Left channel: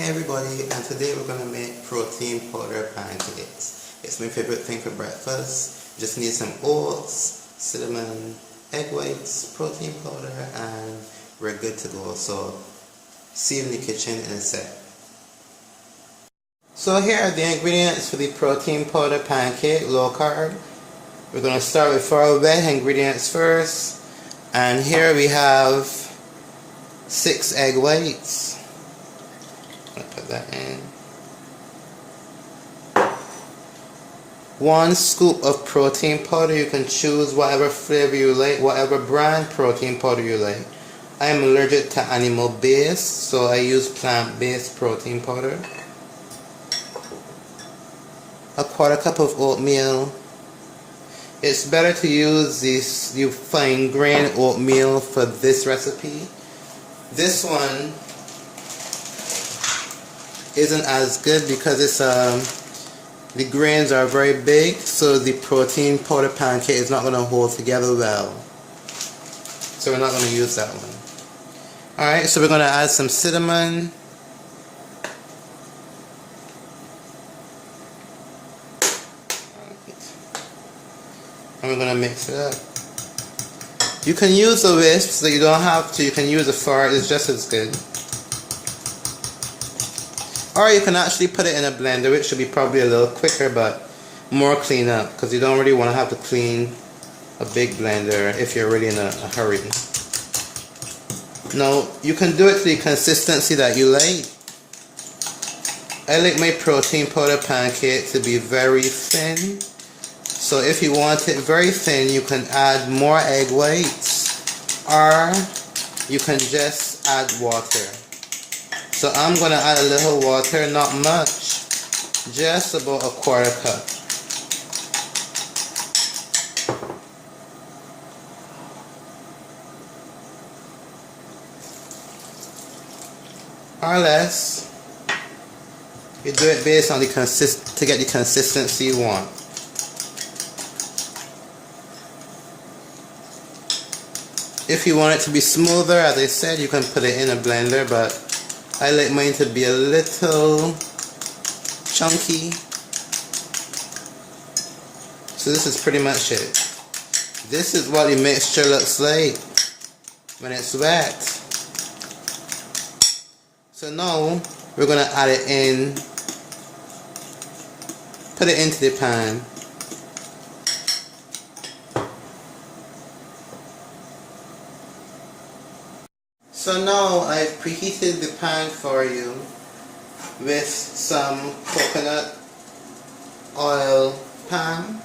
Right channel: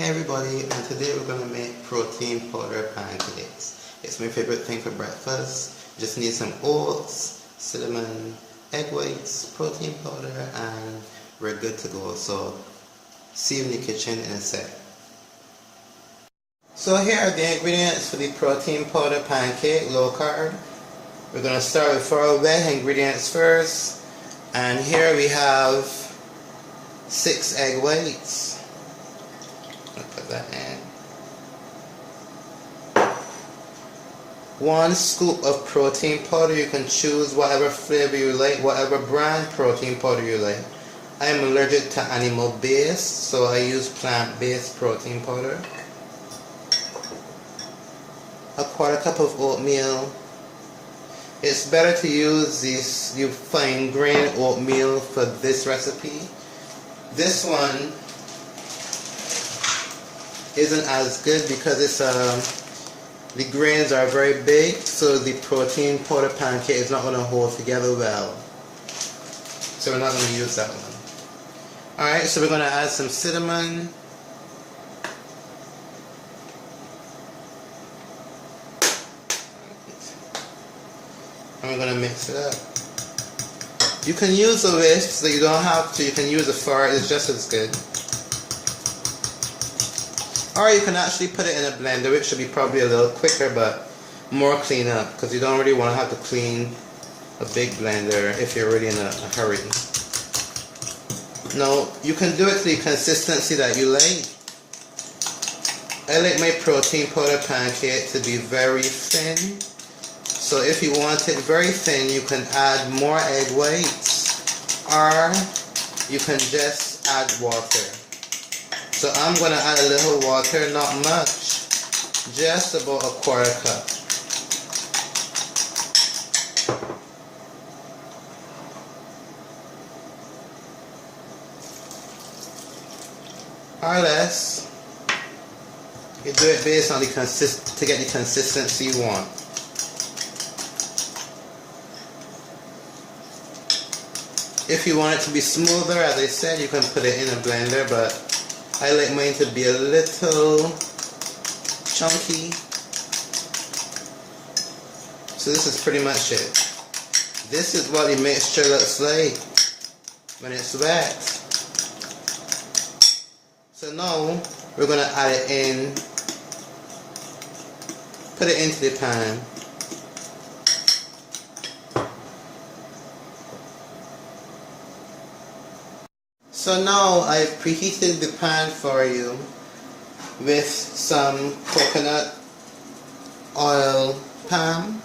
Hey everybody, and today we're going to make protein powder pancakes. It's my favorite thing for breakfast. You just need some oats, cinnamon, egg whites, protein powder, and we're good to go. So see you in the kitchen in a sec. So here are the ingredients for the protein powder pancake, low carb. We're going to start with 4 wet ingredients first. And here we have 6 egg whites. I'll put that in. 1 scoop of protein powder. You can choose whatever flavor you like, whatever brand protein powder you like. I'm allergic to animal based, so I use plant-based protein powder. 1/4 cup of oatmeal. It's better to use this fine grain oatmeal for this recipe. This one isn't as good because it's the grains are very big, so the protein powder pancake is not going to hold together well. So we're not going to use that one. Alright, so we're going to add some cinnamon. And we're going to mix it up. You can use a whisk, so you don't have to. You can use a fork, it's just as good. Or you can actually put it in a blender, which should be probably a little quicker, but more cleanup, because you don't really want to have to clean a big blender if you're really in a hurry. Now, you can do it to the consistency that you like. I like my protein powder pancake to be very thin. So if you want it very thin, you can add more egg whites, or you can just add water. So I'm going to add a little water, not much, just about 1/4 cup. Or less. You do it based on to get the consistency you want. If you want it to be smoother, as I said, you can put it in a blender, but I like mine to be a little chunky. So this is pretty much it. This is what the mixture looks like when it's wet. So now we're going to add it in, put it into the pan. So now I've preheated the pan for you with some coconut oil pan.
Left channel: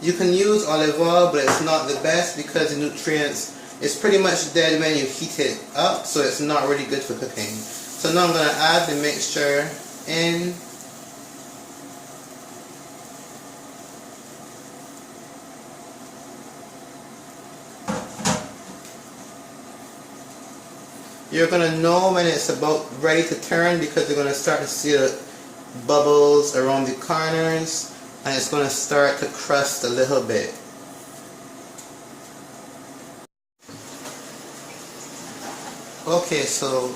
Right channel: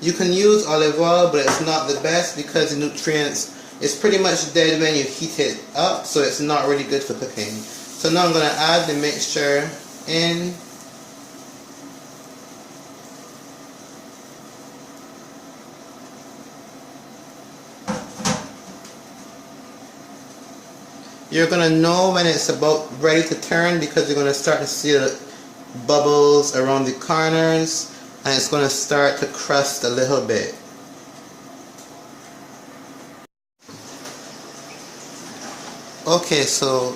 You can use olive oil, but it's not the best because the nutrients is pretty much dead when you heat it up, so it's not really good for cooking. So now I'm going to add the mixture in. You're going to know when it's about ready to turn because you're going to start to see the bubbles around the corners and it's going to start to crust a little bit. Okay, so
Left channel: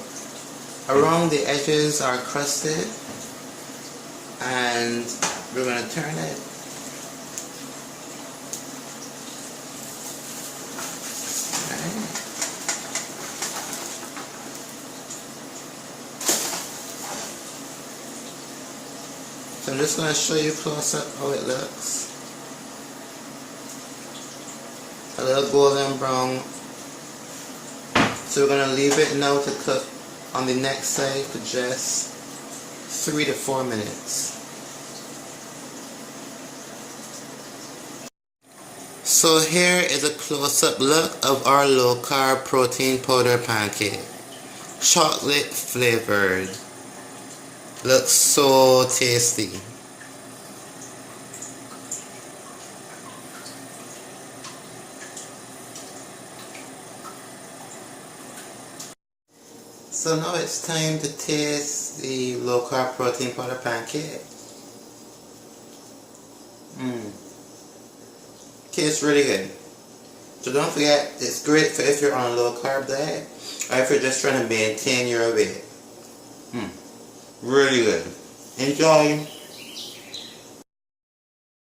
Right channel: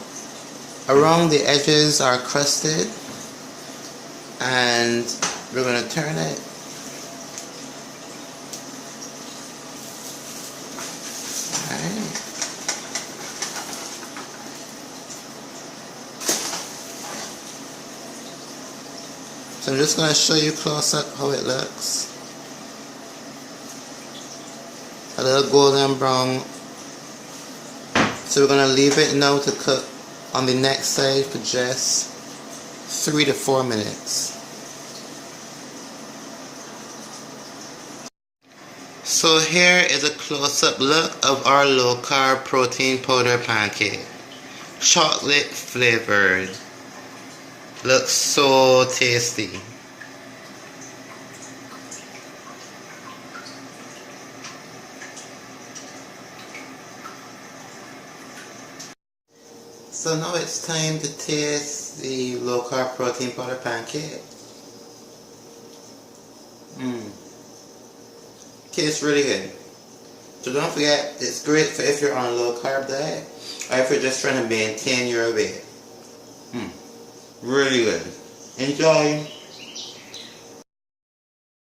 around the edges are crusted and we're going to turn it. So I'm just going to show you close up how it looks. A little golden brown. So we're going to leave it now to cook on the next side for just 3 to 4 minutes. So here is a close-up look of our low-carb protein powder pancake. Chocolate flavored. Looks so tasty. So now it's time to taste the low carb protein powder pancake. Tastes really good. So don't forget, it's great for if you're on a low carb diet or if you're just trying to maintain your weight. Really good. Enjoy.